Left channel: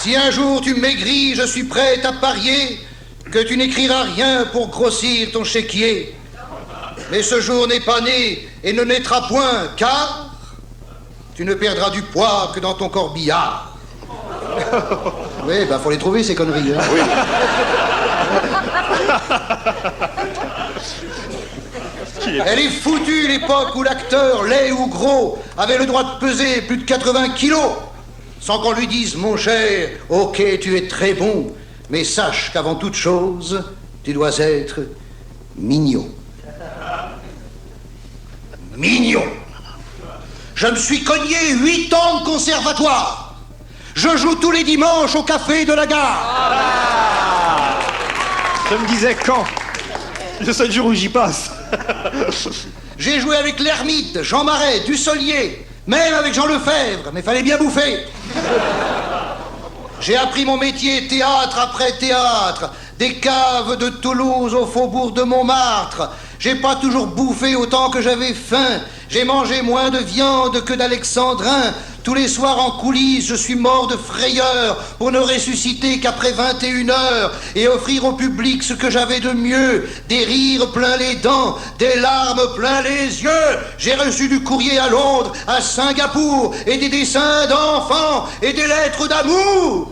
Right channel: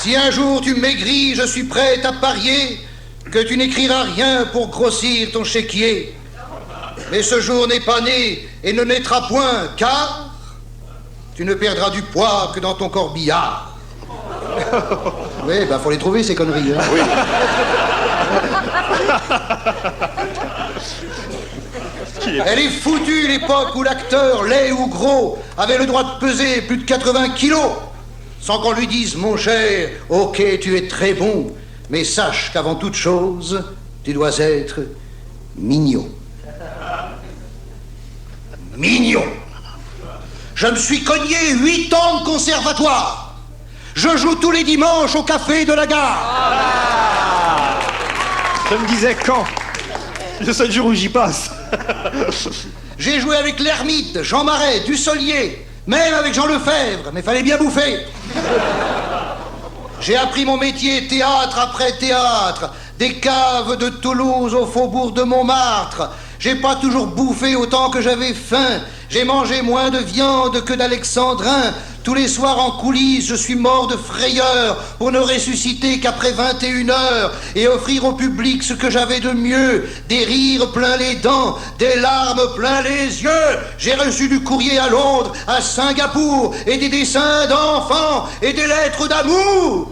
Si un jour tu maigris, je suis prêt à parier que tu n'écriras rien pour grossir ton chéquier. Mais ce jour n'est pas né et ne naîtra point, car tu ne perdras du poids que dans ton corbillard. Oui, faut les trouver, ces conneries. Hein. Oui. Elle est foutue, l'époque où l'acteur, laid ou gros, avait le droit de peser plus de 80 kilos. Sans qu'on lui dise, mon cher, ok, tu es très bon, mais sache qu'avant toute chose, tu dois être mignon. Mignon. Je me suis cogné 8 ans de conservatoire. Je joue tous les dimanches au café de la gare. Ah, je me disais quand. Le seul jour où j'y passe. J'ai joué avec l'Ermite, Jean Marais, Dussolier, même avec Jean Lefebvre, mais fallait bien bouffer. J'ai appris mon métier théâtre après théâtre, des caves de Toulouse au faubourg de Montmartre. J'ai pas toujours bouffé autant que j'avais faim. J'ai mangé moins de viande que d'alexandrin. Tous les soirs en coulisses, je suis mort de frayeur pour ne ressusciter qu'après 21 heures et offrir au public ce que j'avais de mieux. Des rires plein les dents, des larmes plein les yeux. J'ai reçu du courrier à Londres, à Singapour, et des dessins d'enfants et des lettres d'amour.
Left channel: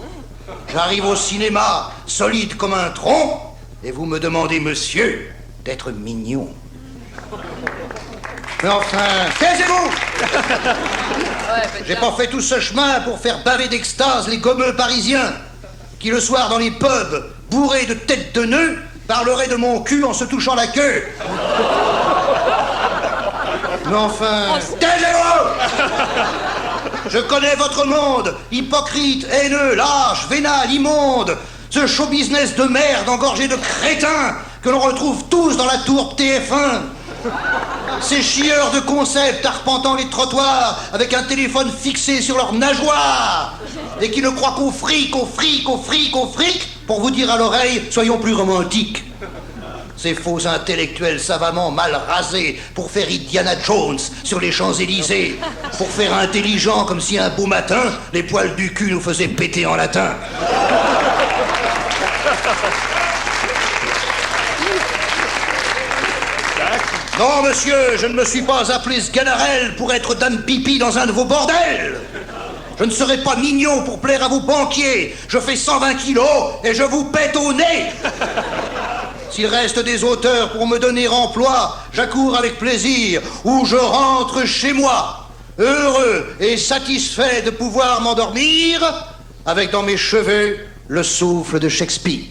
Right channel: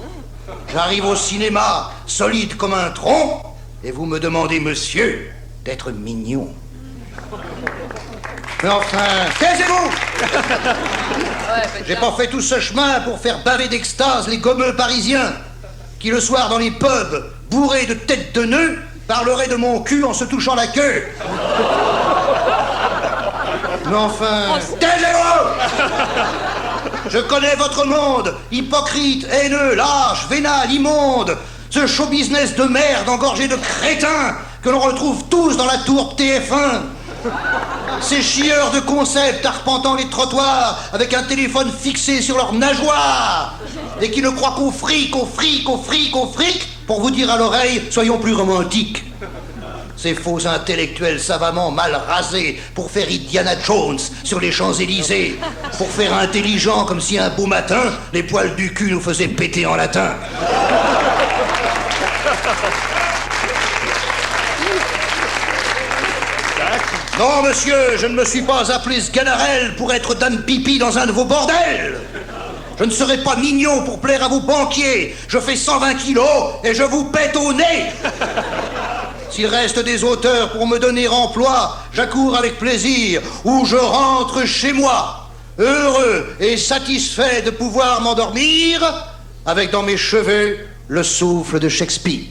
J'arrive au cinéma, solide comme un tronc, et vous me demandez, monsieur, d'être mignon. Mais enfin, taisez-vous! J'ai pas fait tout ce chemin pour faire baver d'extase les gommeux parisiens qui, le soir dans les pubs, bourrés de têtes de nœuds, parleraient de mon cul en se touchant la queue. Mais enfin, taisez-vous! Je connais votre monde, hypocrite, haineux, lâche, vénal, immonde. Ce show business de merde engorgé de crétins que l'on retrouve tous dans la tour TF1. Ces chieurs de concept arpentant les trottoirs avec un téléphone fixé sur leur nageoire et qui ne croient qu'au fric, au fric, au fric, au fric pour vous dire à l'oreille, soyons plus romantiques. Ces faux intellectuels savamment mal rasés pour faire Indiana Jones sur les Champs-Élysées, pour faire intelligent comme si un beau matin, les poils du cul nous faisaient péter en latin. Non, monsieur, je ne me suis pas appelé Sganarelle pour être dame pipi dans un de vos bordels. Je ne serai pas mignon pour plaire à vos banquiers. Je fais 120 kilos et je vous pète au nez. S'il reste des auteurs pour me donner emploi, j'accours avec plaisir ou je rentre chez moi, heureux et satisfait de pouvoir m'endormir avec dans mes cheveux le souffle de Shakespeare.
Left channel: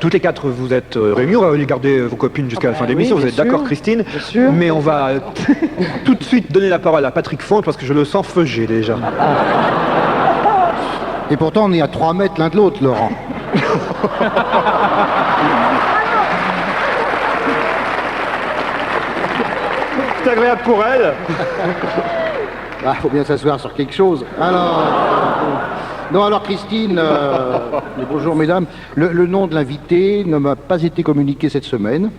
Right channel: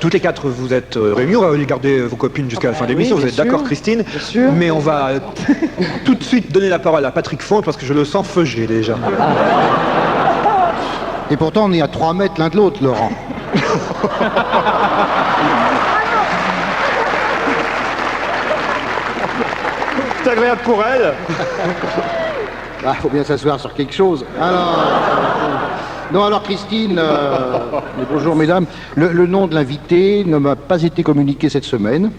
Toutes les quatre, vous êtes réunis, on va aller garder vos copines jusqu'à la fin de l'émission, vous êtes d'accord, Christine? Bien sûr. Mais on va tout de suite donner la parole à Patrick Font parce que je le sens feugé déjà. Et pourtant, on est à 3 mètres l'un de l'autre, Laurent. C'est agréable pour elle. Ah, faut bien s'asseoir sur quelque chose. Alors, Christine, bonjour mesdames, le nom de l'invité ne m'a pas été communiqué cette semaine.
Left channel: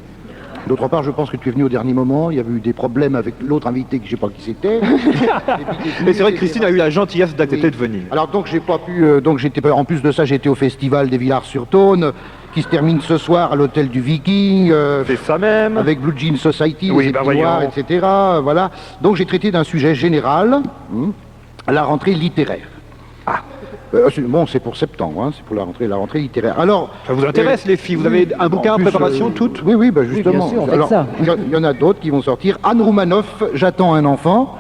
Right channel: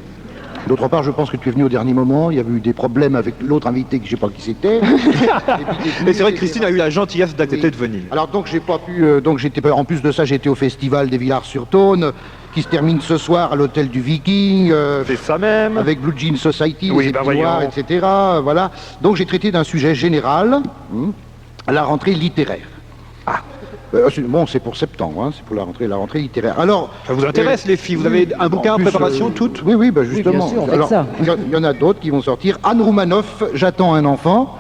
D'autre part, je pense que tu es venu au dernier moment, il y avait eu des problèmes avec l'autre invité que je ne sais pas qui c'était. Et c'est vrai que Christine a eu la gentillesse d'accepter de venir. Alors donc j'ai pas pu, en plus de ça, j'étais au festival des Villars-sur-Saône, qui se termine ce soir à l'hôtel du Viking. C'est ça même. Avec Blue Jean Society, oui, les Épinoirs, etc. Voilà. Donc j'ai traité d'un sujet général, la rentrée littéraire. Ah. Bon, c'est pour septembre, hein, c'est pour la rentrée littéraire. Alors, ça vous intéresse, les filles? Vous avez un bouquin en préparation, toutes? Oui, justement. Oui, bien sûr, alors, il y en a d'autres qui vont sortir. Anne Roumanoff, J'attends un enfant,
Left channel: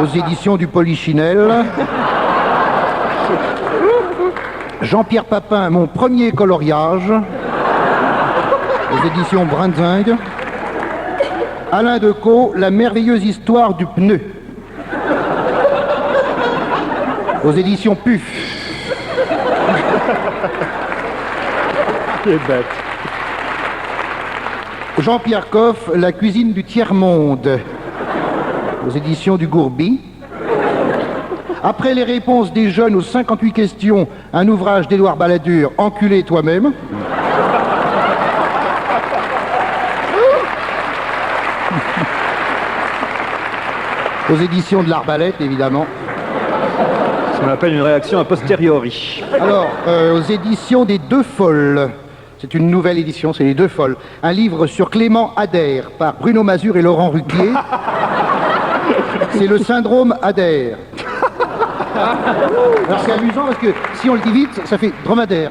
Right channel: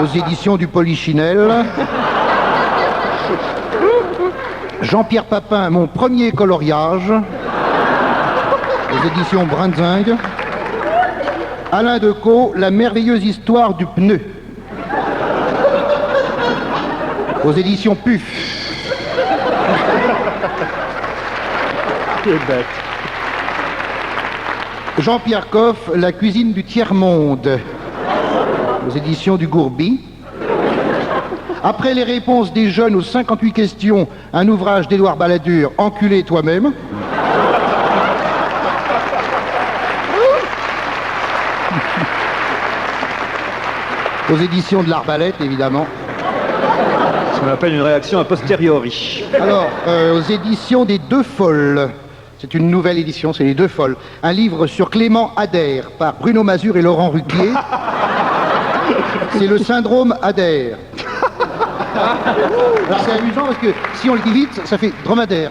aux éditions du Polichinelle. Jean-Pierre Papin, Mon premier coloriage, aux éditions Brindzingue. Alain Decaux, La merveilleuse histoire du pneu, aux éditions PUF. Québec. Jean-Pierre Coff, La cuisine du tiers-monde, aux éditions du Gourbi. Après les réponses des jeunes aux 58 questions, un ouvrage d'Édouard Balladur, Enculé toi-même. aux éditions de l'Arbalète, évidemment. Ce qu'on appelle une réaction a posteriori. Alors, aux éditions des Deux Folles. C'est une nouvelle édition, c'est les Deux Folles. Un livre sur Clément Ader par Bruno Mazur et Laurent Ruquier. C'est le syndrome Ader. Alors c'est amusant parce que si on le dit vite, ça fait dromadaire.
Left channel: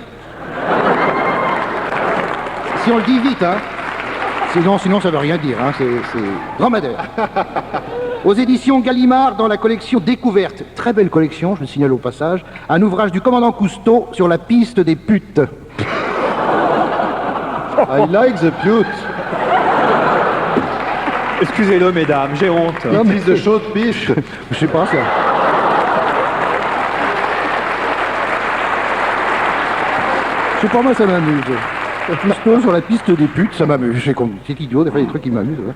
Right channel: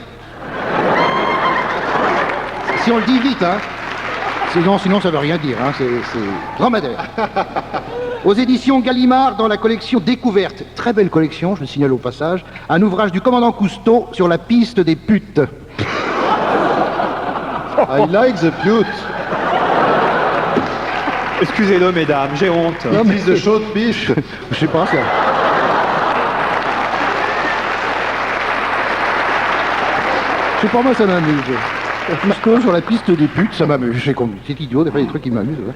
Si on le dit vite, hein. Sinon ça veut rien dire, hein. C'est dromadaire. Aux éditions Gallimard, dans la collection Découverte, très belle collection, je le signale au passage, un ouvrage du commandant Cousteau sur la piste des putes. I like the pute. Excusez-le, mesdames, j'ai honte. Non, mais de chaude piche. Je sais pas ça. Je sais pas, moi ça m'amuse. Cousteau sur la piste des putes, ça m'amuse. C'est idiot, des fois des trucs qui m'amusent. Ouais.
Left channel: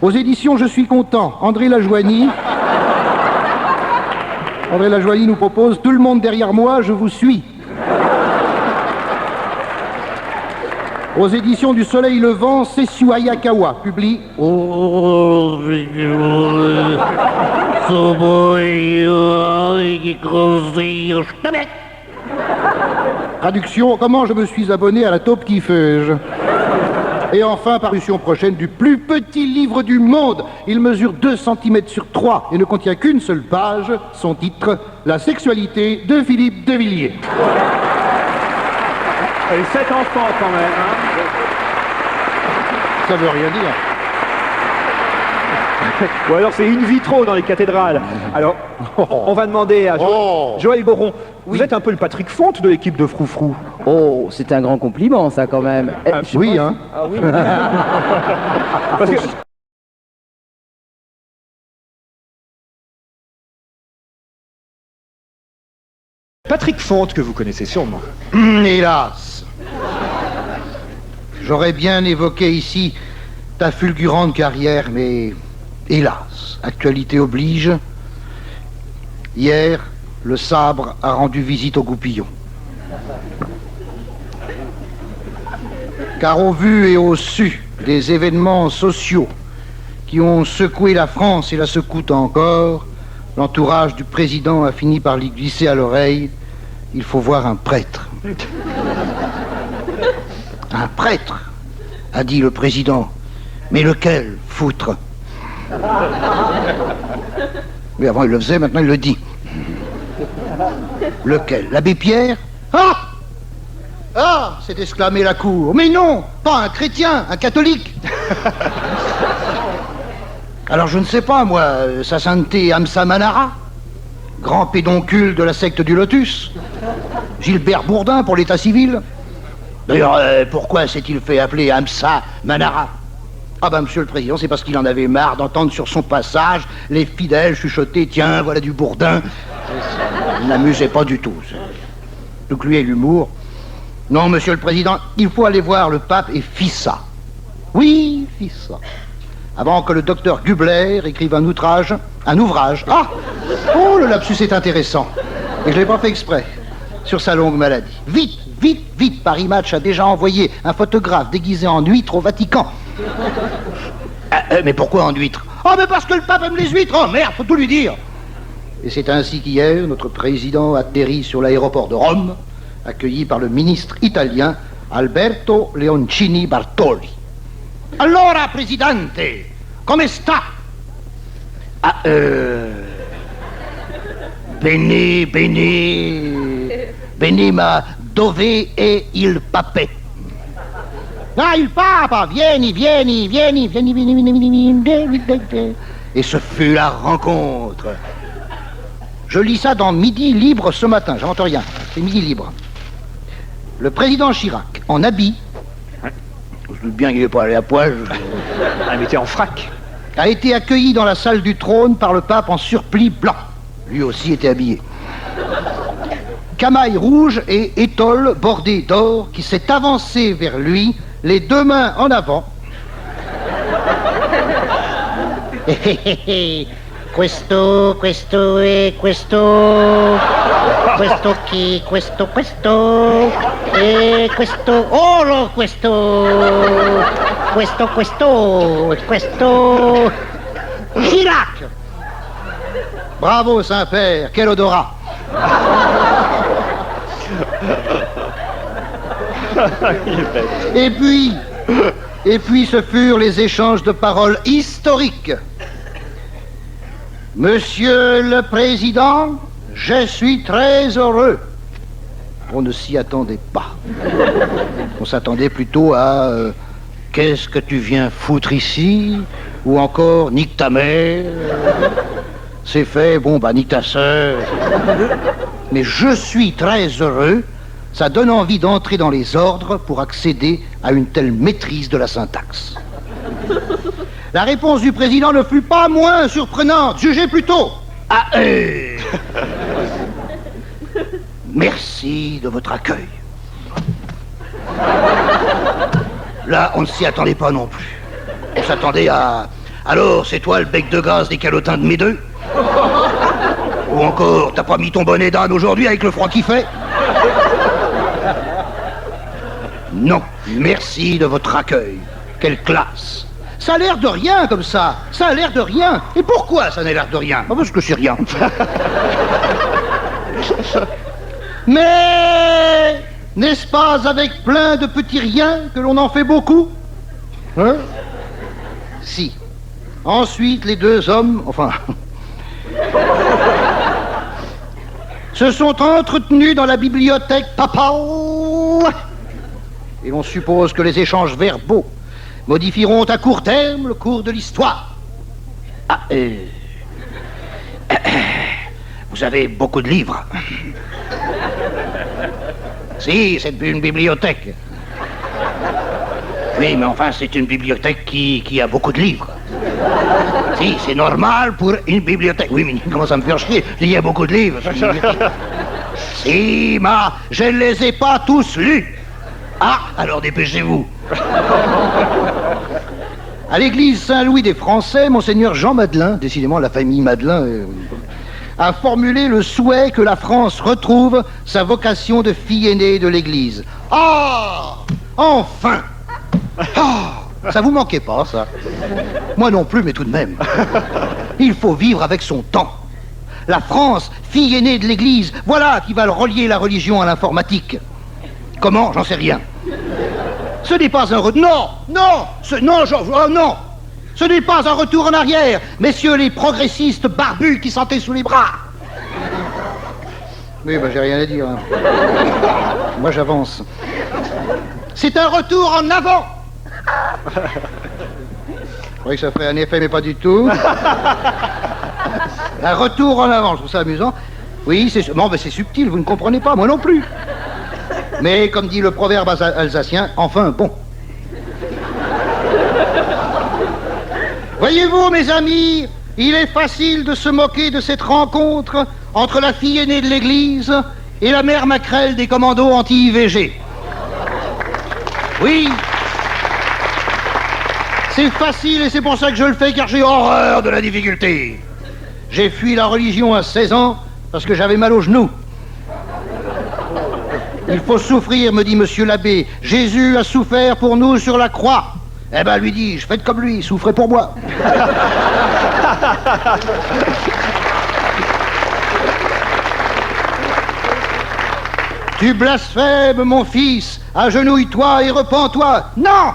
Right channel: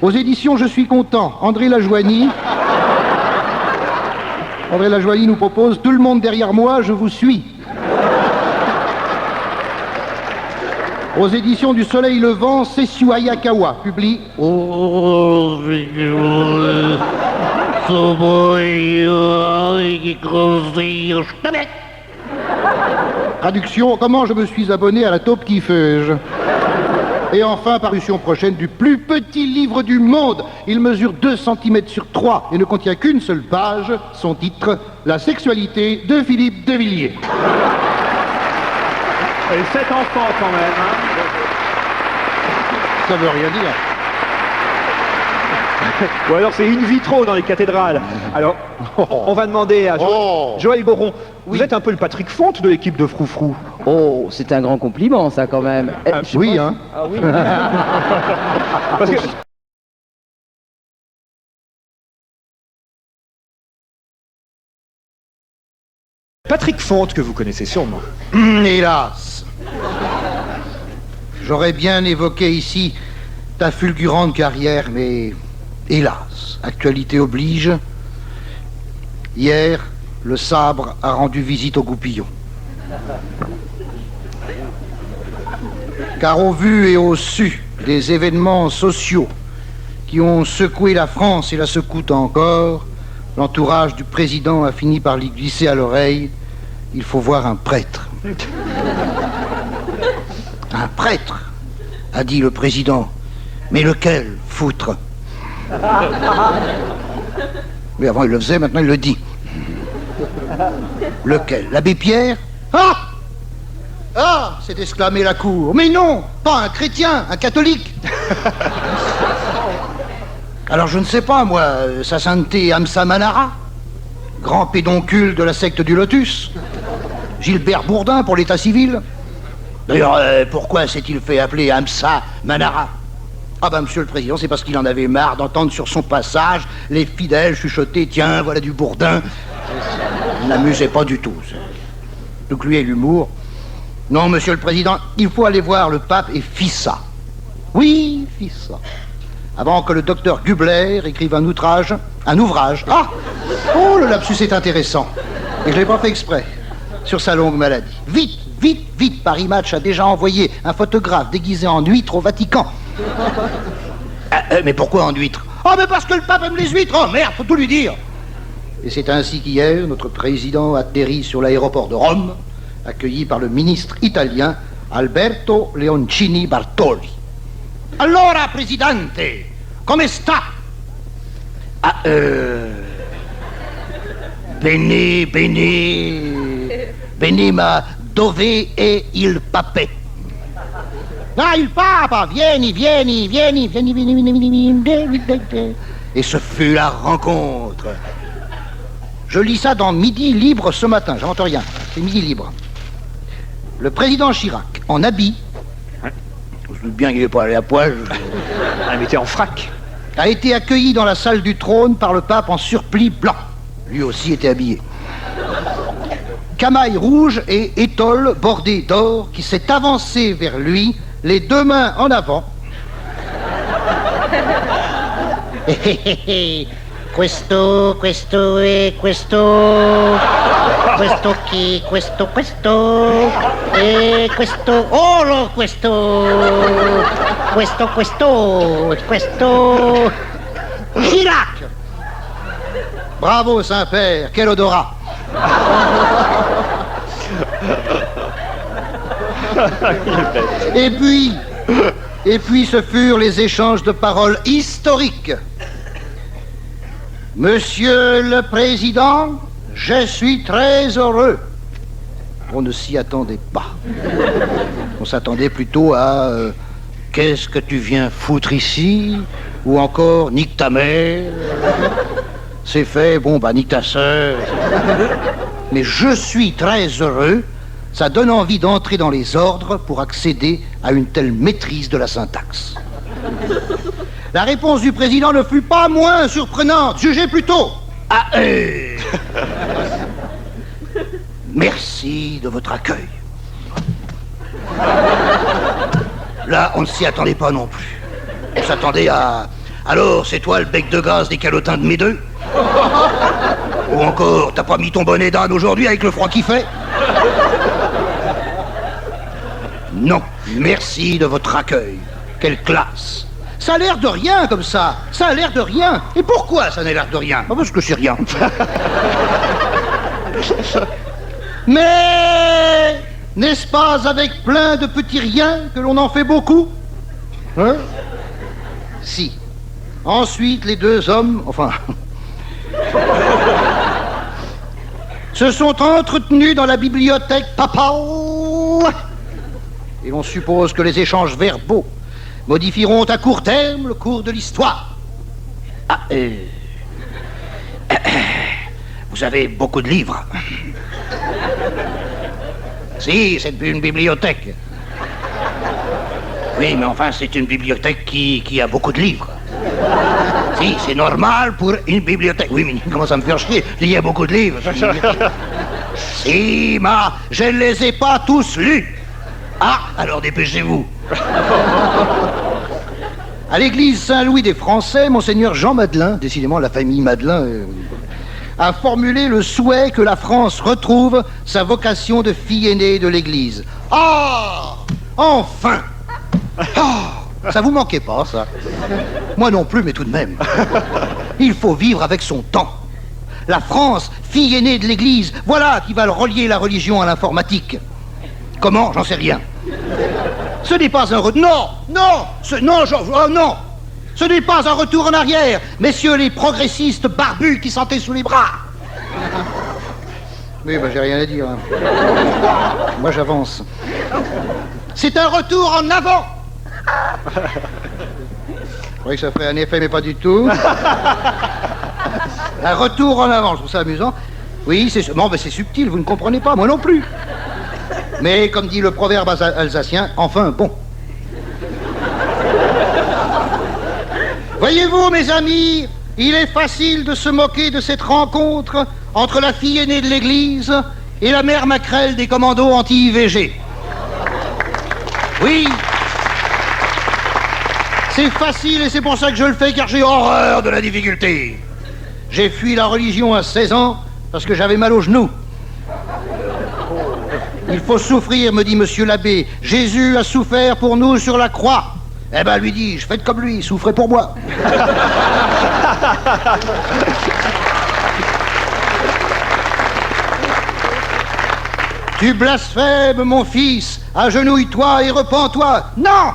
Aux éditions Je suis content, André Lajoigny. André Lajoigny nous propose Tout le monde derrière moi, je vous suis. Aux éditions du Soleil Levant, Sessue Hayakawa publie Traduction, comment je me suis abonné à la taupe qui feuge. Et enfin, parution prochaine du plus petit livre du monde. Il mesure 2 cm sur 3 et ne contient qu'une seule page. Son titre, La sexualité de Philippe de Villiers. Et 7 enfants quand même. Hein. Ça veut rien dire. Ou alors c'est in vitro dans les cathédrales. Alors, on va demander à Joël Goron. Vous êtes un peu le Patrick Fonte de l'équipe de Froufrou. Oh, c'est un grand compliment, ça, quand même. Oui, hein. Ah oui. Parce que Patrick Fonte, que vous connaissez sûrement. Hélas. J'aurais bien évoqué ici ta fulgurante carrière, mais hélas, actualité oblige. Hier, le sabre a rendu visite au goupillon. Car au vu et au su des événements sociaux qui ont secoué la France et la secouent encore, l'entourage du président a fini par lui glisser à l'oreille « Il faut voir un prêtre ». Un prêtre, a dit le président. Mais lequel, foutre? Mais avant il le faisait, maintenant il le dit. Lequel? L'abbé Pierre? Ah! Ah! S'est exclamé la cour. Mais non! Pas un chrétien, un catholique! Alors je ne sais pas, moi, sa sainteté Amsa Manara, grand pédoncule de la secte du Lotus, Gilbert Bourdin pour l'état civil. D'ailleurs, pourquoi s'est-il fait appeler Amsa Manara? Ah ben, monsieur le président, c'est parce qu'il en avait marre d'entendre sur son passage les fidèles chuchoter « Tiens, voilà du Bourdin ». Il n'amusait pas du tout. Donc lui et l'humour. Non, monsieur le président, il faut aller voir le pape et Fissa. Oui, Fissa. Avant que le docteur Gubler écrive un ouvrage. Ah! Oh, le lapsus est intéressant. Et je ne l'ai pas fait exprès. Sur sa longue maladie. Vite, vite, vite, Paris Match a déjà envoyé un photographe déguisé en huître au Vatican. Mais pourquoi en huître? Oh, mais parce que le pape aime les huîtres. Oh, merde, faut tout lui dire. Et c'est ainsi qu'hier, notre président atterrit sur l'aéroport de Rome, accueilli par le ministre italien Alberto Leoncini Bartoli. Allora, presidente, come sta? Bene, ma dove è il papè? Ah, il papa, vieni. Et ce fut la rencontre. Je lis ça dans Midi Libre ce matin, j'invente rien, c'est Midi Libre. Le président Chirac, en habit, je me doute bien qu'il n'est pas allé à poil, Il était en frac. a été accueilli dans la salle du trône par le pape en surplis blanc. Lui aussi était habillé. Camail rouge et étole bordée d'or qui s'est avancé vers lui, les deux mains en avant. Questo e questo qui, questo e questo, oh no, questo Chirac, Bravo, Saint-Père, quel odorat. Et puis ce furent les échanges de paroles historiques. Monsieur le Président, je suis très heureux. On ne s'y attendait pas. On s'attendait plutôt à qu'est-ce que tu viens foutre ici? Ou encore nique ta mère. C'est fait, bon bah nique ta sœur. Mais je suis très heureux. Ça donne envie d'entrer dans les ordres pour accéder à une telle maîtrise de la syntaxe. La réponse du président ne fut pas moins surprenante. Jugez plutôt. Ah, merci de votre accueil. Là, on ne s'y attendait pas non plus. On s'attendait à... Alors, c'est toi le bec de gaz des calotins de mes deux? Ou encore, t'as pas mis ton bonnet d'âne aujourd'hui avec le froid qu'il fait? Non, merci de votre accueil. Quelle classe. Ça a l'air de rien comme ça. Ça a l'air de rien. Et pourquoi ça n'a l'air de rien? Parce que c'est rien. Mais n'est-ce pas avec plein de petits riens que l'on en fait beaucoup? Hein? Si. Ensuite, les deux hommes, enfin... se sont entretenus dans la bibliothèque papale. Et l'on suppose que les échanges verbaux modifieront à court terme le cours de l'histoire. Ah, vous avez beaucoup de livres. Si, c'est une bibliothèque. Oui, mais enfin, c'est une bibliothèque qui a beaucoup de livres. Si, c'est normal pour une bibliothèque. Oui, mais comment ça me fait chier? Il y a beaucoup de livres. Si, mais je ne les ai pas tous lus. Ah, alors dépêchez-vous. À l'église Saint-Louis des Français, monseigneur Jean Madelin, décidément la famille Madelin, a formulé le souhait que la France retrouve sa vocation de fille aînée de l'église. Ah, enfin. Ah, ça vous manquait pas, ça? Moi non plus, mais tout de même. Il faut vivre avec son temps. La France, fille aînée de l'église, voilà qui va relier la religion à l'informatique. Comment? J'en sais rien. Ce n'est pas un retour... Non, non. Ce n'est pas un retour en arrière, messieurs les progressistes barbus qui sentaient sous les bras. Oui, ben j'ai rien à dire. Hein. Moi, j'avance. C'est un retour en avant. Je croyais que ça ferait un effet, mais pas du tout. Un retour en avant, je trouve ça amusant. Oui, c'est... Bon, ben c'est subtil, vous ne comprenez pas, moi non plus. Mais, comme dit le proverbe alsacien, enfin, bon. Voyez-vous, mes amis, il est facile de se moquer de cette rencontre entre la fille aînée de l'église et la mère maquerelle des commandos anti-IVG. Oui, c'est facile et c'est pour ça que je le fais, car j'ai horreur de la difficulté. J'ai fui la religion à 16 ans parce que j'avais mal aux genoux. Il faut souffrir, me dit monsieur l'abbé. Jésus a souffert pour nous sur la croix. Eh ben, lui dis-je, faites comme lui, souffrez pour moi. Tu blasphèmes, mon fils. Agenouille-toi et repens-toi. Non!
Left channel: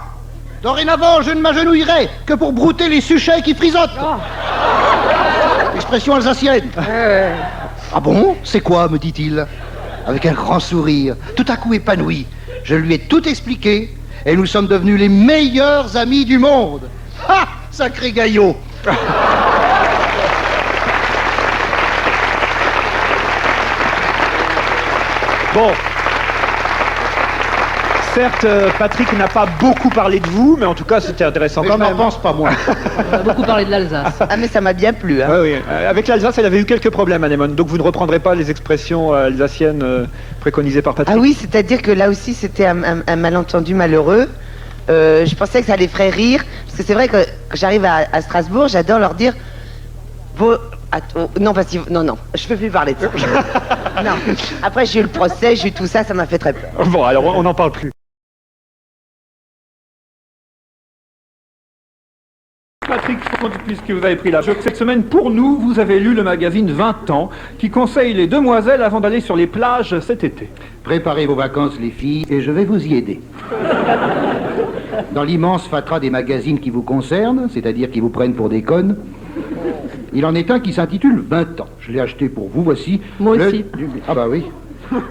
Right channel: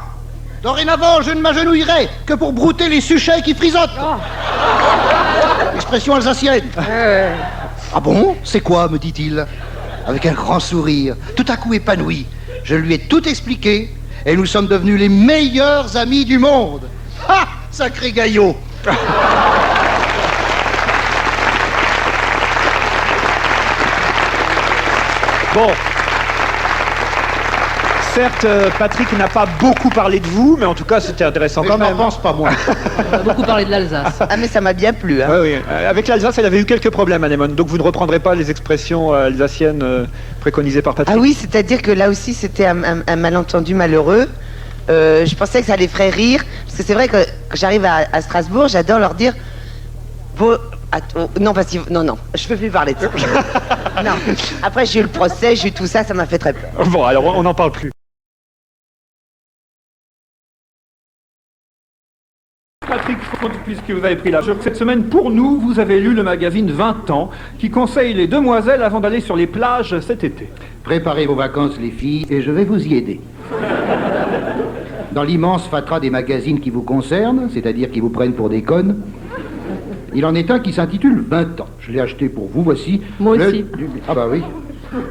Dorénavant, je ne m'agenouillerai que pour brouter les suchets qui frisotent. Expression alsacienne. Ah bon? C'est quoi, me dit-il, avec un grand sourire, tout à coup épanoui. Je lui ai tout expliqué et nous sommes devenus les meilleurs amis du monde. Ah, sacré gaillot. Bon. Certes, Patrick n'a pas beaucoup parlé de vous, mais en tout cas, c'était intéressant quand même. Je n'en pense pas, moi. On a beaucoup parlé de l'Alsace. Ah, mais ça m'a bien plu. Hein. Oui. Avec l'Alsace, elle avait eu quelques problèmes, Anémone. Donc vous ne reprendrez pas les expressions alsaciennes préconisées par Patrick. Ah oui, c'est-à-dire que là aussi, c'était un malentendu malheureux. Je pensais que ça les ferait rire. Parce que c'est vrai que quand j'arrive à Strasbourg, j'adore leur dire... Non, parce que... Non, je peux plus parler de ça. Non. Après, j'ai eu le procès, j'ai eu tout ça, ça m'a fait très peur. Bon, alors on n'en parle plus. Patrick Font, puisque vous avez pris la joke, cette semaine, pour nous, vous avez lu le magazine 20 ans, qui conseille les demoiselles avant d'aller sur les plages cet été. Préparez vos vacances, les filles, et je vais vous y aider. Dans l'immense fatras des magazines qui vous concernent, c'est-à-dire qui vous prennent pour des connes, il en est un qui s'intitule 20 ans. Je l'ai acheté pour vous, voici. Moi aussi. Ah bah oui.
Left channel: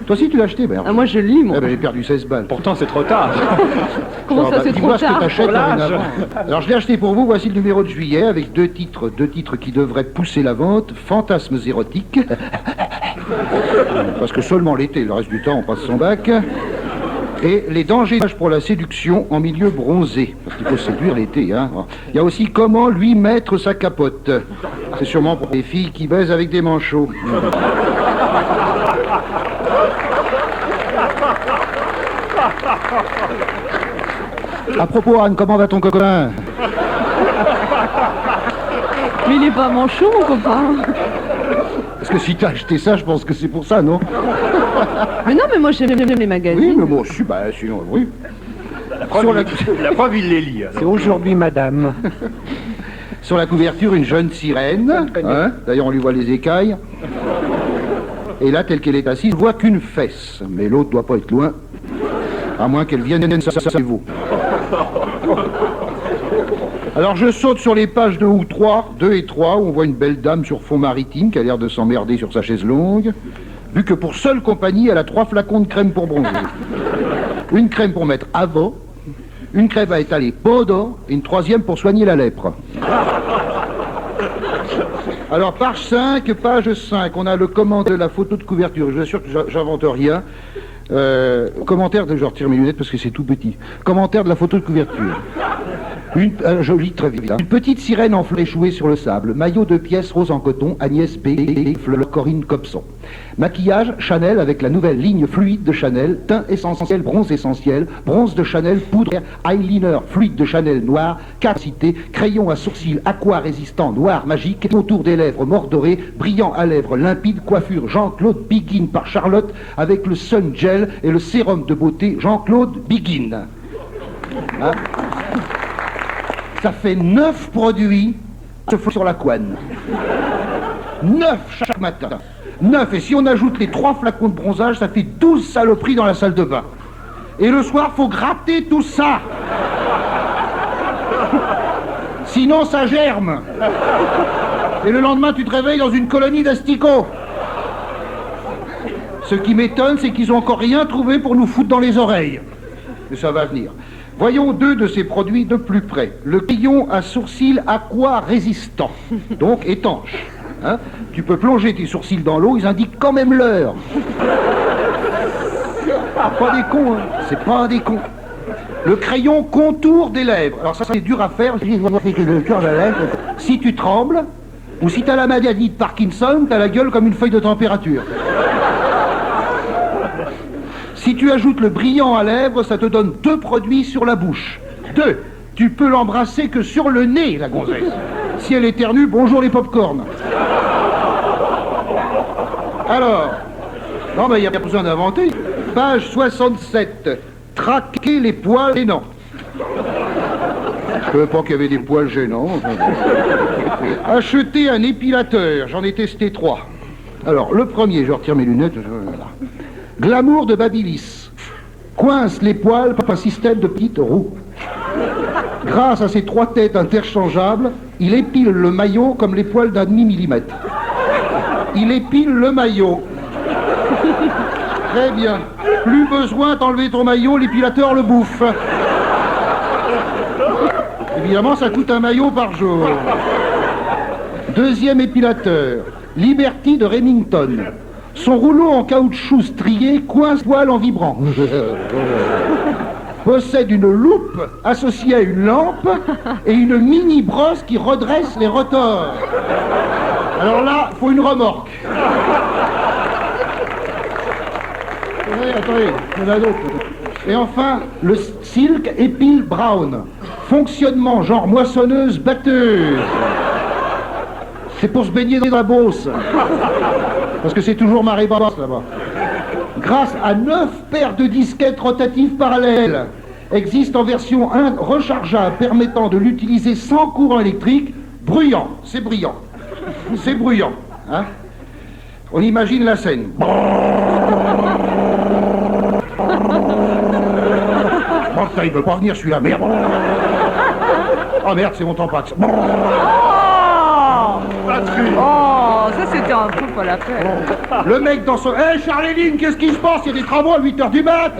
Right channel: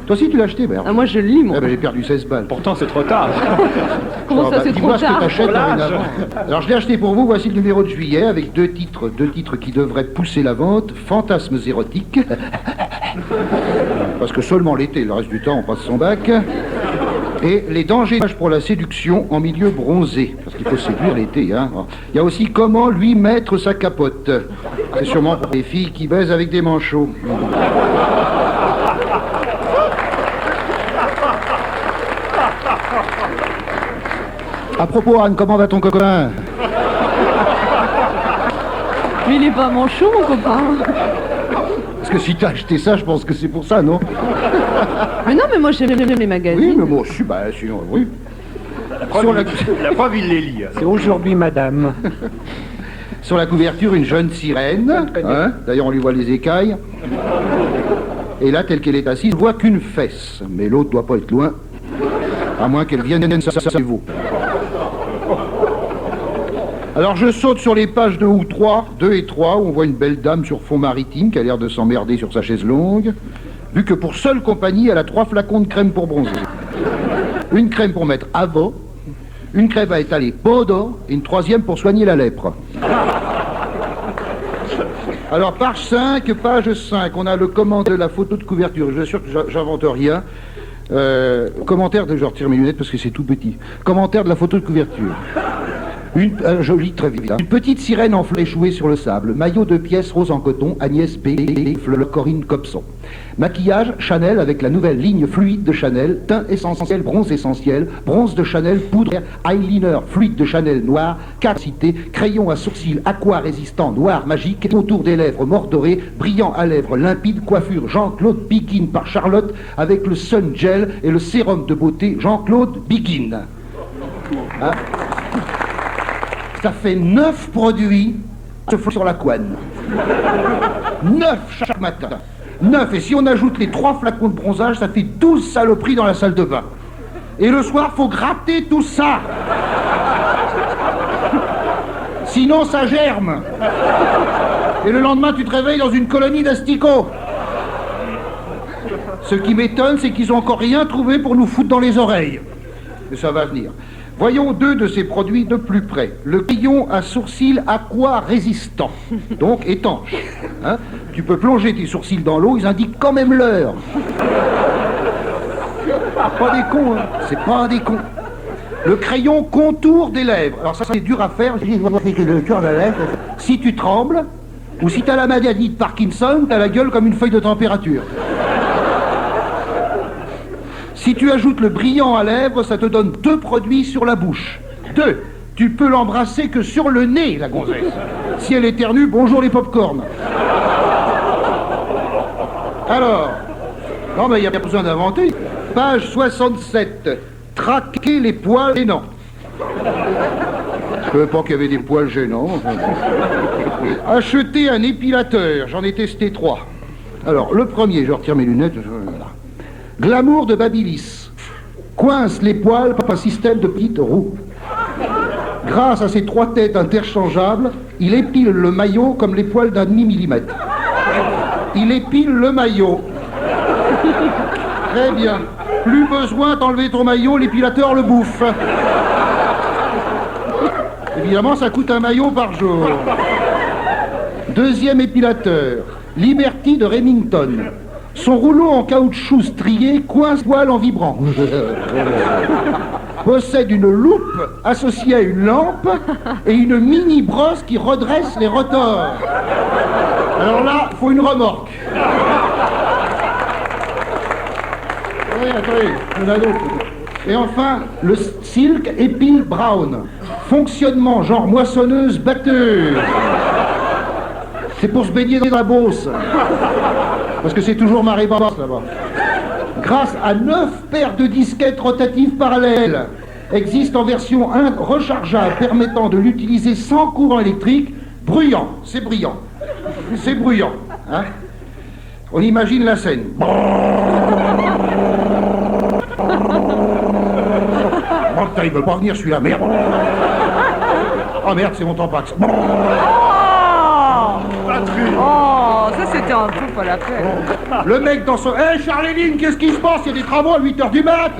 Toi aussi tu l'as acheté, merde. Ah, moi je le lis, moi. Ah bah, j'ai perdu 16 balles. Pourtant, c'est trop tard. Comment ça, c'est dis-moi trop ce que tard? t'achètes Pour l'âge. dorénavant. Alors je l'ai acheté pour vous, voici le numéro de juillet avec deux titres qui devraient pousser la vente. Fantasmes érotiques. Parce que seulement l'été, le reste du temps on passe son bac. Et les dangers pour la séduction en milieu bronzé. Parce qu'il faut séduire l'été, hein. Il y a aussi comment lui mettre sa capote. C'est sûrement pour les filles qui baisent avec des manchots. À propos, Anne, comment va ton copain? Mais il est pas manchot, mon copain. Parce que si t'as acheté ça, je pense que c'est pour ça, non? Mais non, mais moi j'aime les Oui, magazines. mais bon, sinon, oui. La preuve, il les lit. C'est aujourd'hui, madame. Sur la couverture, une jeune sirène. Hein, d'ailleurs, on lui voit les écailles. Et là, telle qu'elle est assise, on voit qu'une fesse. Mais l'autre doit pas être loin. À moins qu'elle vienne ça vous. Alors je saute sur les pages 2 et 3, où on voit une belle dame sur fond maritime qui a l'air de s'emmerder sur sa chaise longue, vu que pour seule compagnie, elle a 3 flacons de crème pour bronzer. Une crème pour mettre avant, une crème à étaler pendant, et une 3e pour soigner la lèpre. Alors page 5, on a le commentaire de la photo de couverture. Je suis sûr que j'invente rien. Commentaire de... Je retire mes lunettes parce que c'est tout petit. Commentaire de la photo de couverture. Jolie, très vite. Une petite sirène en fleurs échouée sur le sable. Maillot de pièces rose en coton, Agnès B. Corinne Copson. Maquillage, Chanel avec la nouvelle ligne fluide de Chanel. Teint essentiel, bronze de Chanel, poudre, eyeliner fluide de Chanel noir, capacité, crayon à sourcils aqua résistant noir magique, autour des lèvres mordorées, brillant à lèvres limpides, coiffure Jean-Claude Biguin par Charlotte avec le Sun Gel et le sérum de beauté Jean-Claude Biguin. Hein? Ça fait 9 produits sur la couenne. 9 chaque matin. 9. Et si on ajoute les 3 flacons de bronzage, ça fait 12 saloperies dans la salle de bain. Et le soir, faut gratter tout ça. Sinon, ça germe. Et le lendemain, tu te réveilles dans une colonie d'asticots. Ce qui m'étonne, c'est qu'ils n'ont encore rien trouvé pour nous foutre dans les oreilles. Mais ça va venir. Voyons 2 de ces produits de plus près. Le crayon à sourcils aqua résistant, donc étanche. Hein, tu peux plonger tes sourcils dans l'eau, ils indiquent quand même l'heure. Pas des cons, hein. C'est pas des cons. Le crayon contour des lèvres. Alors ça, c'est dur à faire. Si tu trembles, ou si t'as la maladie de Parkinson, t'as la gueule comme une feuille de température. Si tu ajoutes le brillant à lèvres, ça te donne 2 produits sur la bouche. 2. Tu peux l'embrasser que sur le nez, la gonzesse. Si elle éternue, bonjour les pop-corn. Alors, non mais il n'y a pas besoin d'inventer. Page 67. Traquer les poils gênants. Je ne savais pas qu'il y avait des poils gênants. Acheter un épilateur, j'en ai testé 3. Alors, le premier, je retire mes lunettes. Glamour de Babyliss. Coince les poils par un système de petites roues. Grâce à ces 3 têtes interchangeables, il épile le maillot comme les poils d'un demi-millimètre. Il épile le maillot. Très bien. Plus besoin d'enlever ton maillot, l'épilateur le bouffe. Évidemment, ça coûte un maillot par jour. Deuxième épilateur, Liberty de Remington. Son rouleau en caoutchouc strié coince poil en vibrant. Possède une loupe associée à une lampe et une mini brosse qui redresse les rotors. Alors là, faut une remorque. Oui, attendez, il y en a d'autres. Et enfin, le Silk Epile Brown. Fonctionnement genre moissonneuse batteuse. C'est pour se baigner dans la Beauce. Parce que c'est toujours marée basse là-bas. Grâce à 9 paires de disquettes rotatives parallèles existe en version 1 rechargeable permettant de l'utiliser sans courant électrique. Bruyant, c'est brillant. C'est bruyant. Hein. On imagine la scène. Bon, il veut pas venir celui-là, merde. Ah merde, c'est mon tampax. Oh, ça c'était un truc pas la peine. Le mec dans son... Hé, Charléline, qu'est-ce qui se passe? Il y a des travaux à 8h du mat.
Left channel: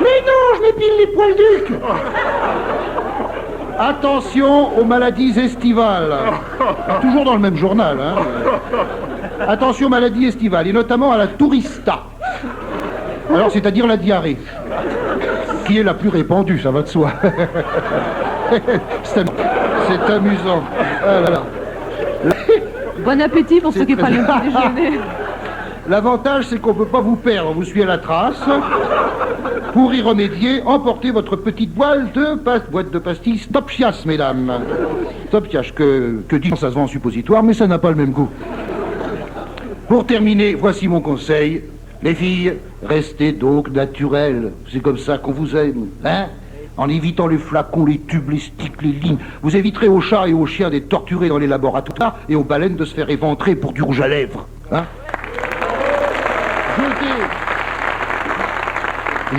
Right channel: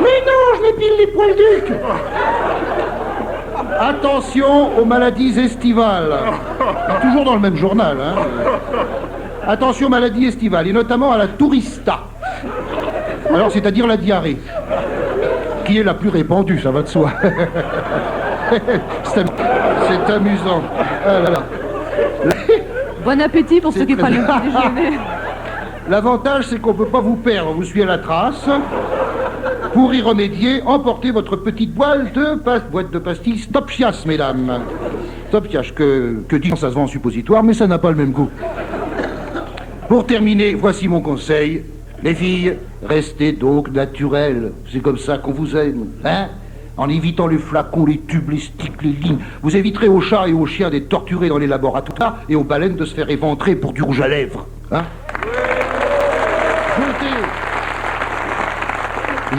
Mais non, je m'épile les poils ducs. Attention aux maladies estivales. Toujours dans le même journal, hein. Attention aux maladies estivales, et notamment à la tourista. Alors, c'est-à-dire la diarrhée. Qui est la plus répandue, ça va de soi. C'est amusant. Oh là là. Bon appétit pour ceux qui prennent le petit déjeuner. L'avantage, c'est qu'on ne peut pas vous perdre, vous suivez la trace. Pour y remédier, emportez votre petite boîte de pastilles Stopchias, mesdames. Stopchias, que dit ça se vend en suppositoire, mais ça n'a pas le même goût. Pour terminer, voici mon conseil. Les filles, restez donc naturelles. C'est comme ça qu'on vous aime, hein? En évitant les flacons, les tubes, les sticks, les lignes. Vous éviterez aux chats et aux chiens d'être torturés dans les laboratoires et aux baleines de se faire éventrer pour du rouge à lèvres. Hein?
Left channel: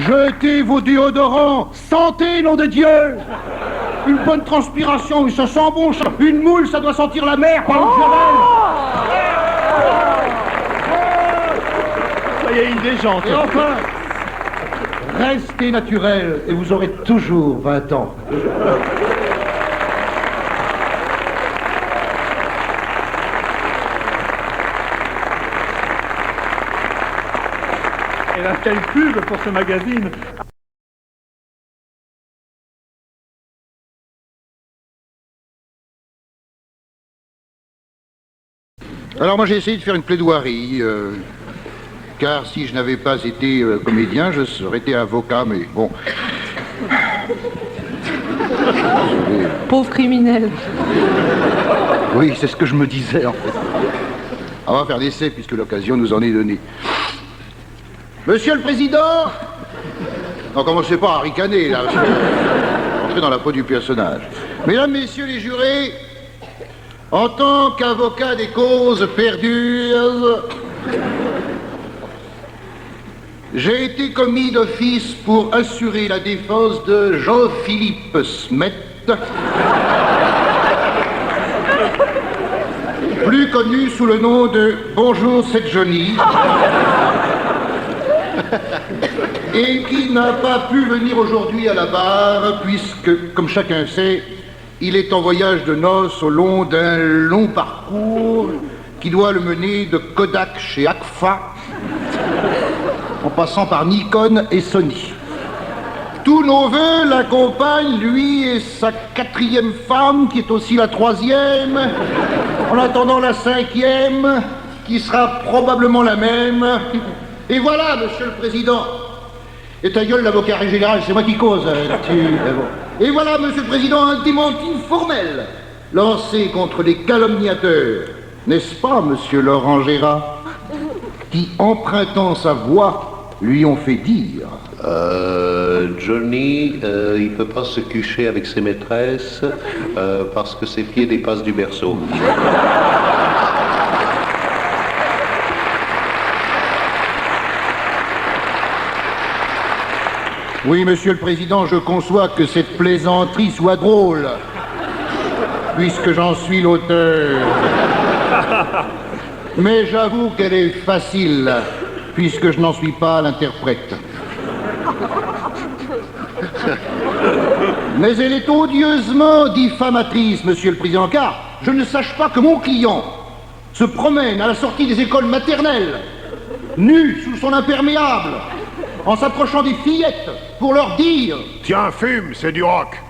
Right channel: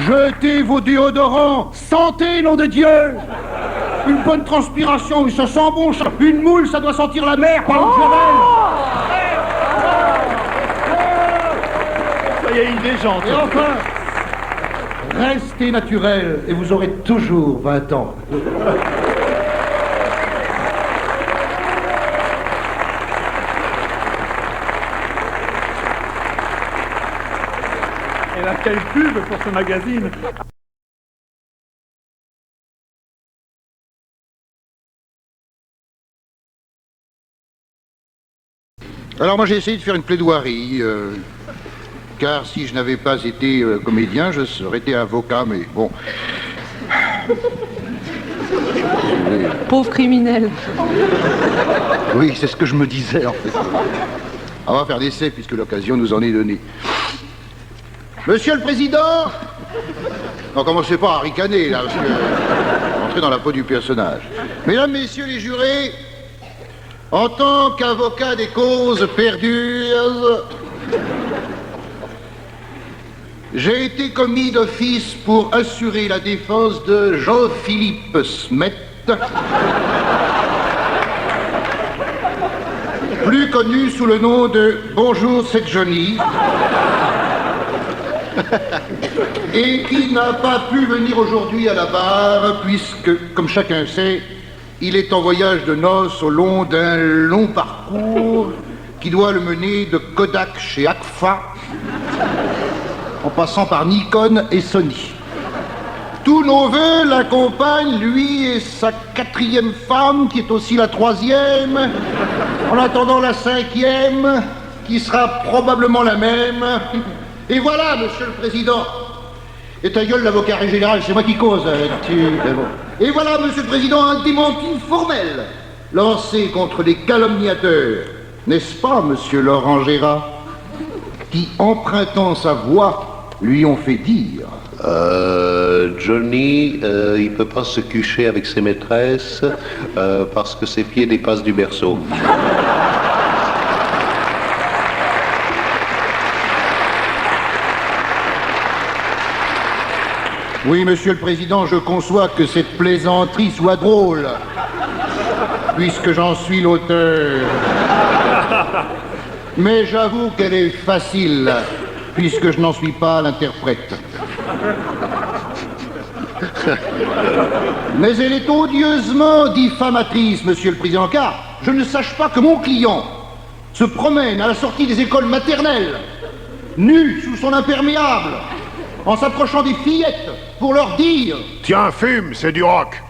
Jetez vos déodorants. Sentez, nom de Dieu. Une bonne transpiration, ça sent bon. Une moule, ça doit sentir la mer, par exemple. Ça y est, il déjante. Et enfin, restez naturel et vous aurez toujours 20 ans. Elle a telle pub pour ce magazine. Alors moi j'ai essayé de faire une plaidoirie, car si je n'avais pas été comédien, je serais été avocat, mais bon. Pauvre criminel. Oui, c'est ce que je me disais en fait. On va faire l'essai puisque l'occasion nous en est donnée. Monsieur le Président, non, commencez pas à ricaner là, parce que entrez dans la peau du personnage. Mesdames, Messieurs les jurés, en tant qu'avocat des causes perdues, j'ai été commis d'office pour assurer la défense de Jean-Philippe Smet, plus connu sous le nom de Bonjour, c'est Johnny, et qui n'a pas pu venir aujourd'hui à la barre, puisque, comme chacun sait, il est en voyage de noces au long d'un long parcours qui doit le mener de Kodak chez Agfa, en passant par Nikon et Sony. Tous nos voeux l'accompagnent, lui et sa 4e femme, qui est aussi la 3e, en attendant la 5e, qui sera probablement la même. Et voilà, Monsieur le Président. Et ta gueule, l'avocat général, c'est moi qui cause. Et voilà, Monsieur le Président, un démenti formel lancé contre les calomniateurs. N'est-ce pas, Monsieur Laurent Gérard, qui, empruntant sa voix, lui ont fait dire... Johnny, il peut pas se coucher avec ses maîtresses parce que ses pieds dépassent du berceau. Oui, Monsieur le Président, je conçois que cette plaisanterie soit drôle, puisque j'en suis l'auteur. Mais j'avoue qu'elle est facile, puisque je n'en suis pas l'interprète. Mais elle est odieusement diffamatrice, Monsieur le Président, car je ne sache pas que mon client se promène à la sortie des écoles maternelles, nu sous son imperméable, en s'approchant des fillettes pour leur dire « Tiens, fume, c'est du rock !»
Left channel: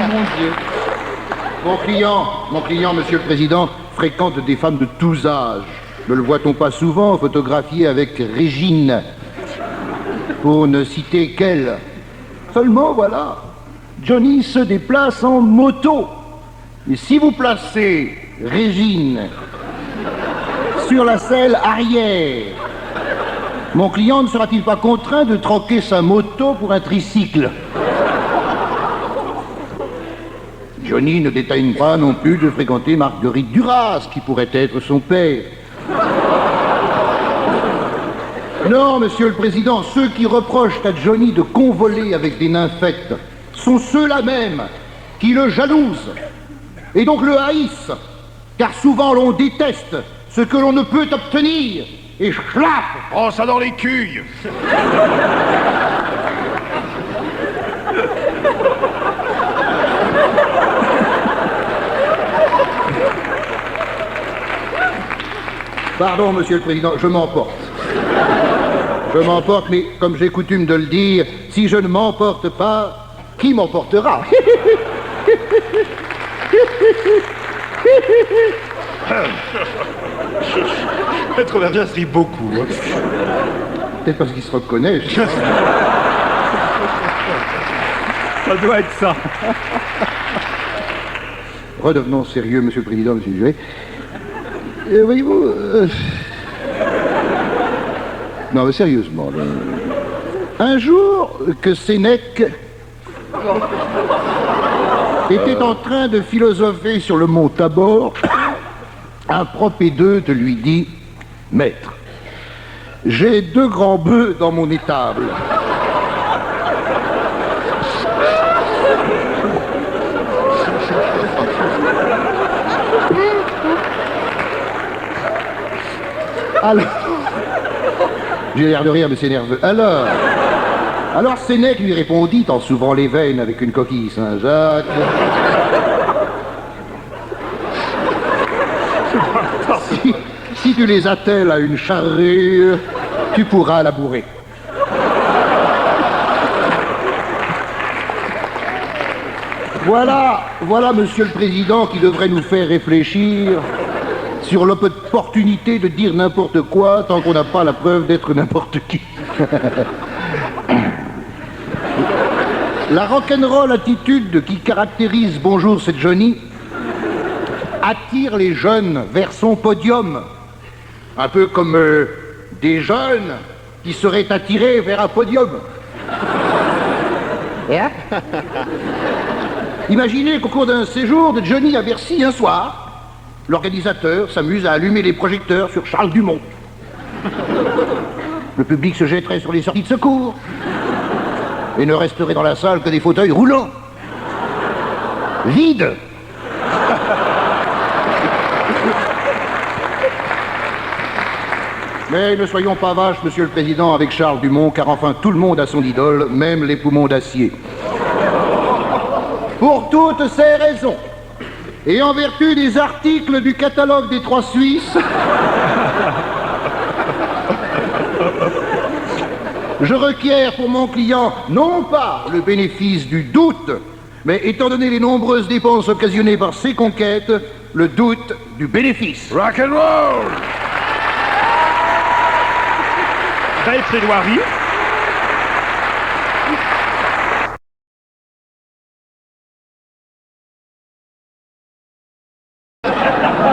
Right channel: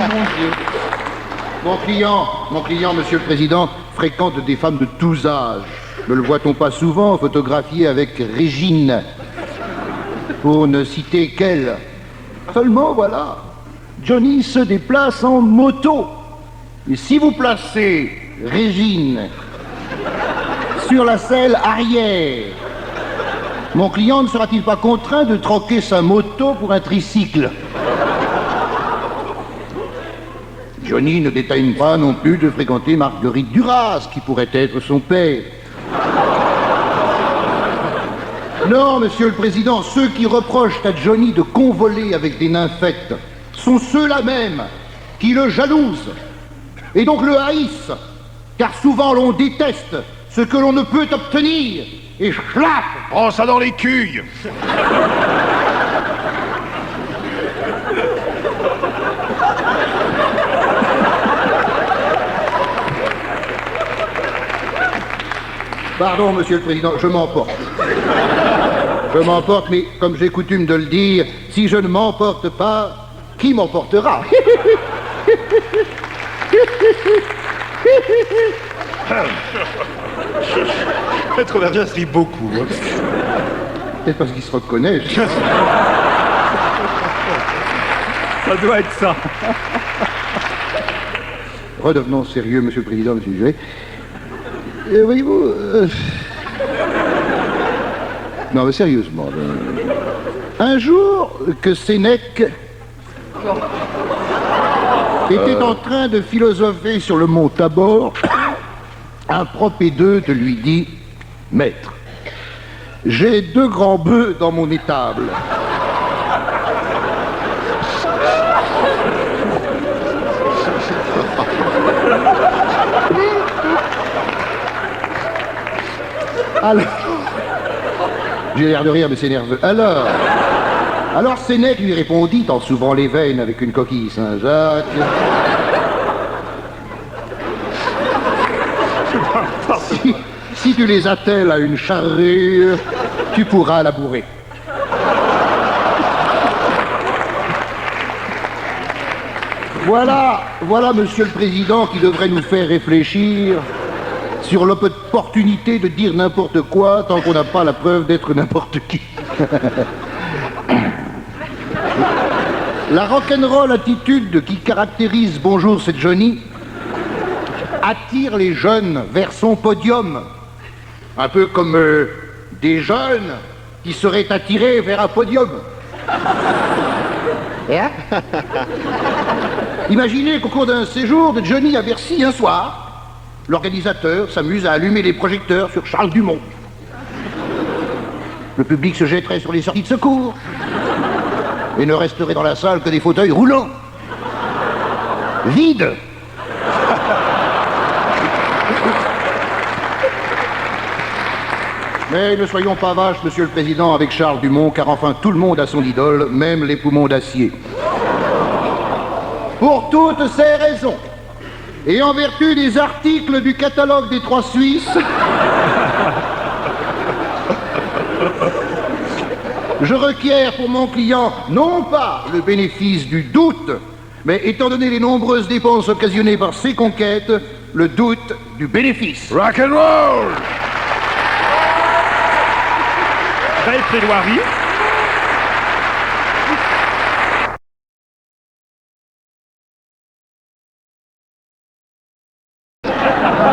Mon Dieu. Mon client, Monsieur le Président, fréquente des femmes de tous âges. Ne le voit-on pas souvent photographié avec Régine, pour ne citer qu'elle. Seulement, voilà, Johnny se déplace en moto. Et si vous placez Régine sur la selle arrière, mon client ne sera-t-il pas contraint de troquer sa moto pour un tricycle? Johnny ne déteigne pas non plus de fréquenter Marguerite Duras, qui pourrait être son père. Non, Monsieur le Président, ceux qui reprochent à Johnny de convoler avec des nymphètes sont ceux-là même qui le jalousent et donc le haïssent, car souvent l'on déteste ce que l'on ne peut obtenir et schlaf, prends ça dans les cuilles. Pardon, Monsieur le Président, je m'emporte. Je m'emporte, mais comme j'ai coutume de le dire, si je ne m'emporte pas, qui m'emportera? Maître Vergès rit beaucoup. Hein. Peut-être parce qu'il se reconnaît. Ça doit être ça. Redevenons sérieux, Monsieur le Président, s'il vous plaît. Voyez-vous... Non, mais sérieusement. Un jour que Sénèque était en train de philosopher sur le mont Tabor, un propédeute lui dit « Maître, j'ai 2 grands bœufs dans mon étable. Alors, j'ai l'air de rire, mais c'est nerveux. Alors Sénèque lui répondit en s'ouvrant les veines avec une coquille Saint-Jacques. Si tu les attelles à une charrue, tu pourras la bourrer. Voilà, Monsieur le Président, qui devrait nous faire réfléchir sur l'opportunité de dire n'importe quoi tant qu'on n'a pas la preuve d'être n'importe qui. La rock'n'roll attitude qui caractérise Bonjour, c'est Johnny attire les jeunes vers son podium. Un peu comme des jeunes qui seraient attirés vers un podium. Hein? Imaginez qu'au cours d'un séjour de Johnny à Bercy un soir, l'organisateur s'amuse à allumer les projecteurs sur Charles Dumont. Le public se jetterait sur les sorties de secours et ne resterait dans la salle que des fauteuils roulants, vides. Mais ne soyons pas vaches, Monsieur le Président, avec Charles Dumont, car enfin tout le monde a son idole, même les poumons d'acier. Pour toutes ces raisons, et en vertu des articles du catalogue des 3 Suisses, je requiers pour mon client non pas le bénéfice du doute, mais étant donné les nombreuses dépenses occasionnées par ces conquêtes, le doute du bénéfice. Rock and roll. Belle plaidoirie.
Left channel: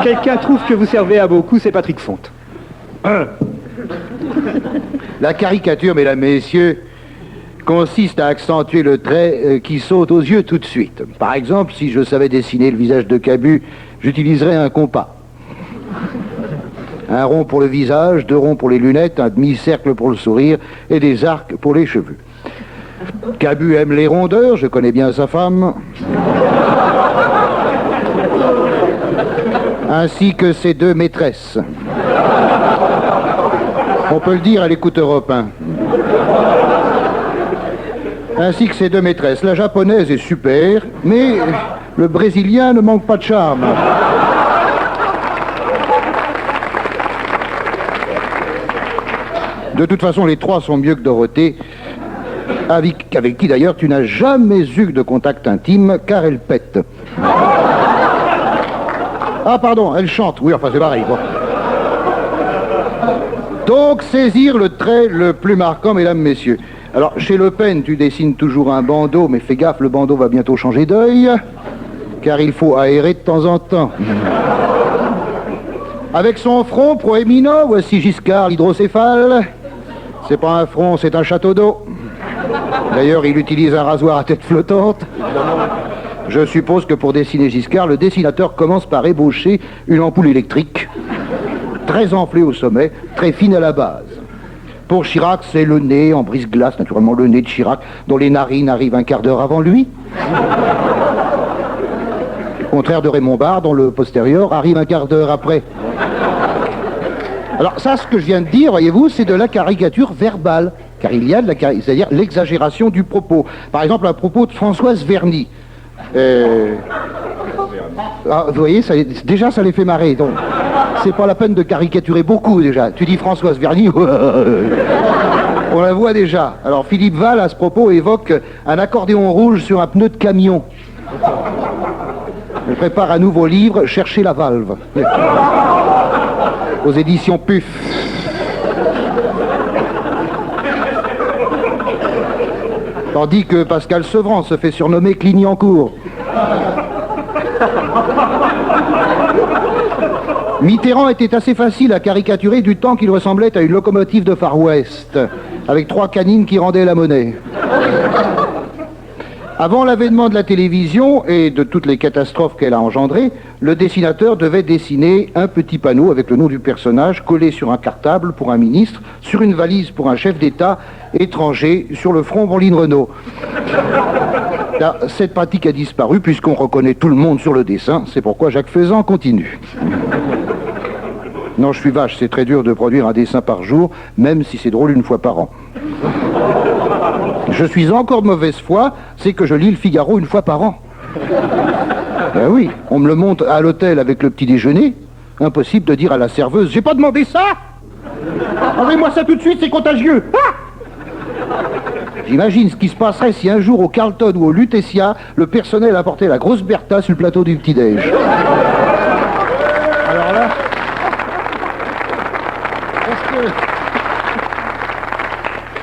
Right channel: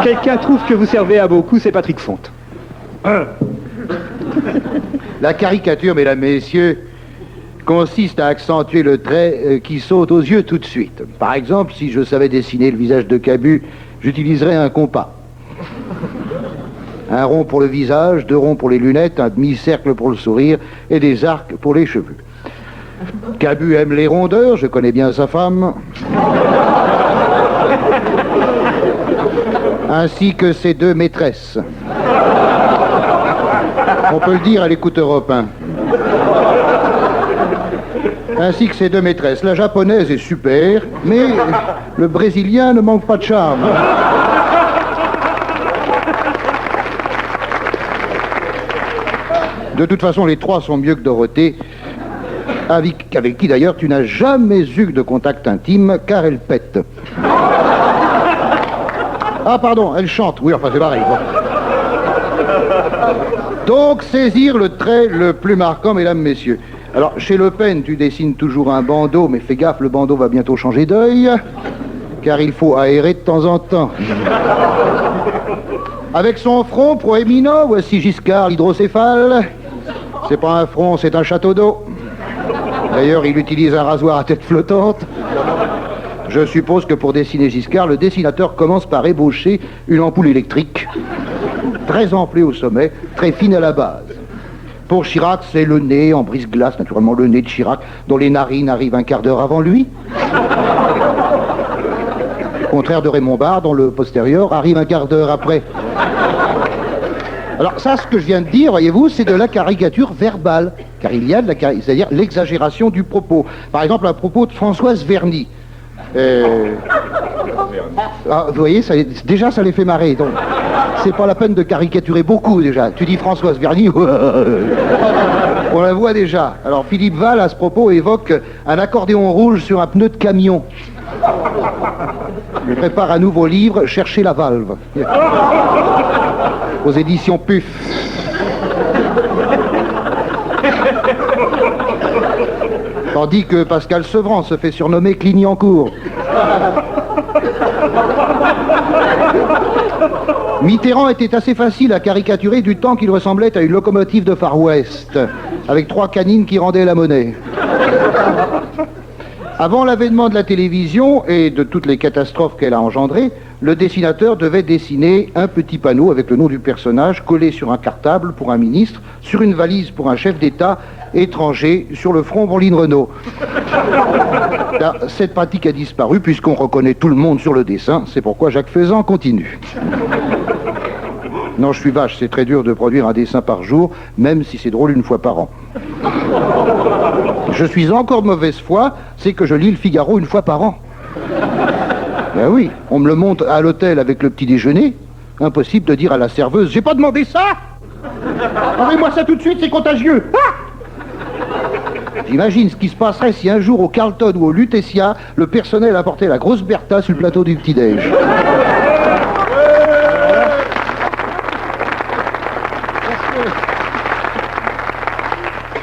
Quelqu'un trouve que vous servez à beaucoup, c'est Patrick Fonte. La caricature, mesdames, messieurs, consiste à accentuer le trait qui saute aux yeux tout de suite. Par exemple, si je savais dessiner le visage de Cabu, j'utiliserais un compas. Un rond pour le visage, 2 ronds pour les lunettes, un demi-cercle pour le sourire et des arcs pour les cheveux. Cabu aime les rondeurs, je connais bien sa femme. Ainsi que ses 2 maîtresses. On peut le dire à l'écoute Europe 1. Ainsi que ses 2 maîtresses. La japonaise est super, mais le brésilien ne manque pas de charme. De toute façon, les 3 sont mieux que Dorothée, avec qui d'ailleurs tu n'as jamais eu de contact intime, car elle pète. Ah pardon, elle chante, oui, enfin c'est pareil. Bon. Donc, saisir le trait le plus marquant, mesdames, messieurs. Alors, chez Le Pen, tu dessines toujours un bandeau, mais fais gaffe, le bandeau va bientôt changer d'œil. car il faut aérer de temps en temps. Avec son front proéminent, voici Giscard l'hydrocéphale. C'est pas un front, c'est un château d'eau. D'ailleurs, il utilise un rasoir à tête flottante. Je suppose que pour dessiner Giscard, le dessinateur commence par ébaucher une ampoule électrique, très enflée au sommet, très fine à la base. Pour Chirac, c'est le nez en brise-glace, naturellement le nez de Chirac, dont les narines arrivent un quart d'heure avant lui. Au contraire de Raymond Barre, dont le postérieur arrive un quart d'heure après. Alors ça, ce que je viens de dire, voyez-vous, c'est de la caricature verbale, car il y a de la c'est-à-dire l'exagération du propos. Par exemple, à propos de Françoise Verny. Vous voyez, déjà ça les fait marrer, donc c'est pas la peine de caricaturer beaucoup déjà. Tu dis Françoise Verny, on la voit déjà. Alors Philippe Val, à ce propos, évoque un accordéon rouge sur un pneu de camion. Il prépare un nouveau livre, Chercher la valve, aux éditions PUF. Tandis que Pascal Sevran se fait surnommer Clignancourt. Mitterrand était assez facile à caricaturer du temps qu'il ressemblait à une locomotive de Far West, avec 3 canines qui rendaient la monnaie. Avant l'avènement de la télévision et de toutes les catastrophes qu'elle a engendrées, le dessinateur devait dessiner un petit panneau avec le nom du personnage collé sur un cartable pour un ministre, sur une valise pour un chef d'État étranger, sur le front Pauline Renault. Là, cette pratique a disparu puisqu'on reconnaît tout le monde sur le dessin, c'est pourquoi Jacques Faisan continue. Non, je suis vache, c'est très dur de produire un dessin par jour, même si c'est drôle une fois par an. Je suis encore de mauvaise foi, c'est que je lis le Figaro une fois par an. Ben oui, on me le monte à l'hôtel avec le petit déjeuner. Impossible de dire à la serveuse, j'ai pas demandé ça. Enlevez-moi ça tout de suite, c'est contagieux. Ah, j'imagine ce qui se passerait si un jour au Carlton ou au Lutetia, le personnel apportait la grosse Bertha sur le plateau du petit-déj.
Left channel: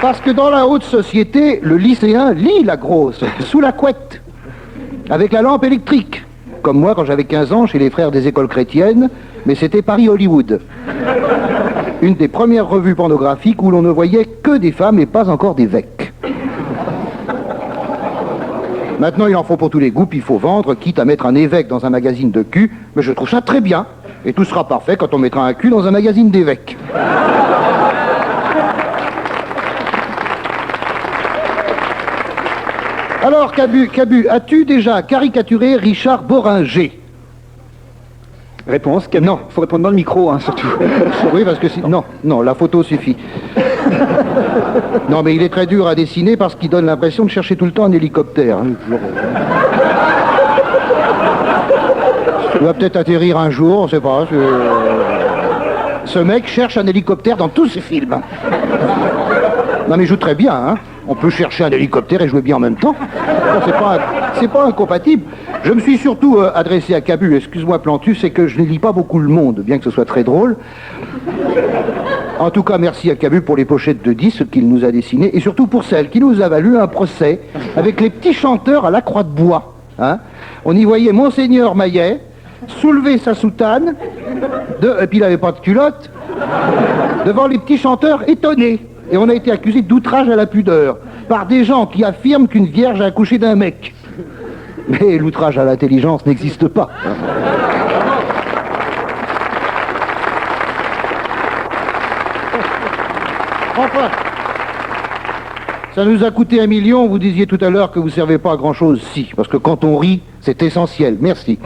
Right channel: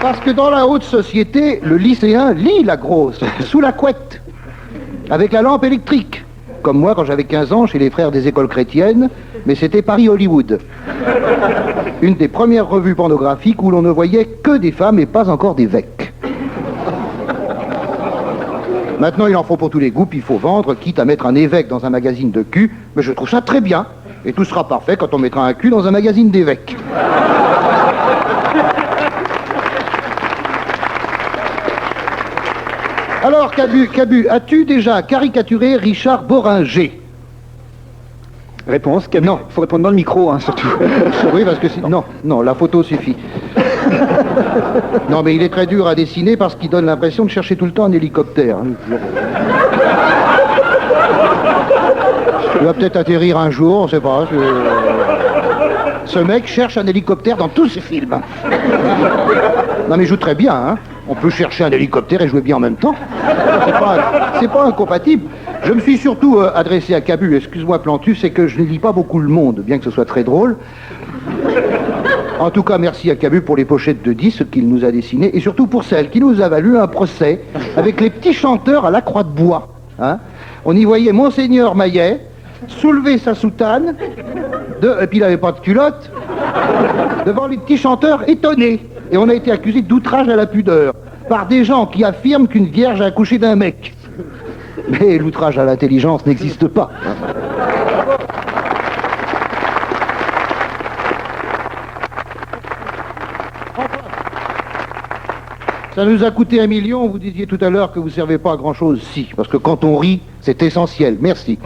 Parce que dans la haute société, le lycéen lit la grosse, sous la couette, avec la lampe électrique. Comme moi quand j'avais 15 ans chez les frères des écoles chrétiennes, mais c'était Paris-Hollywood. Une des premières revues pornographiques où l'on ne voyait que des femmes et pas encore d'évêques. Maintenant, il en faut pour tous les goûts, puis il faut vendre, quitte à mettre un évêque dans un magazine de cul, mais je trouve ça très bien. Et tout sera parfait quand on mettra un cul dans un magazine d'évêques. Alors, Cabu, as-tu déjà caricaturé Richard Boringer? Réponse, non, il faut répondre dans le micro, hein, surtout. Oui, parce que non, la photo suffit. Non, mais il est très dur à dessiner parce qu'il donne l'impression de chercher tout le temps un hélicoptère. Il va peut-être atterrir un jour, on ne sait pas. Ce mec cherche un hélicoptère dans tous ses films. Non, mais il joue très bien, hein. On peut chercher un hélicoptère et jouer bien en même temps. C'est pas incompatible. Je me suis surtout adressé à Cabu, excuse-moi Plantu, c'est que je ne lis pas beaucoup Le Monde, bien que ce soit très drôle. En tout cas, merci à Cabu pour les pochettes de disques qu'il nous a dessinées, et surtout pour celle qui nous a valu un procès avec les petits chanteurs à la Croix de Bois. Hein. On y voyait Monseigneur Maillet soulever sa soutane, et puis il n'avait pas de culotte, devant les petits chanteurs étonnés. Et on a été accusé d'outrage à la pudeur par des gens qui affirment qu'une vierge a accouché d'un mec. Mais l'outrage à l'intelligence n'existe pas. Enfin, ça nous a coûté 1 million, vous disiez tout à l'heure que vous ne servez pas à grand-chose. Si, parce que quand on rit, c'est essentiel. Merci.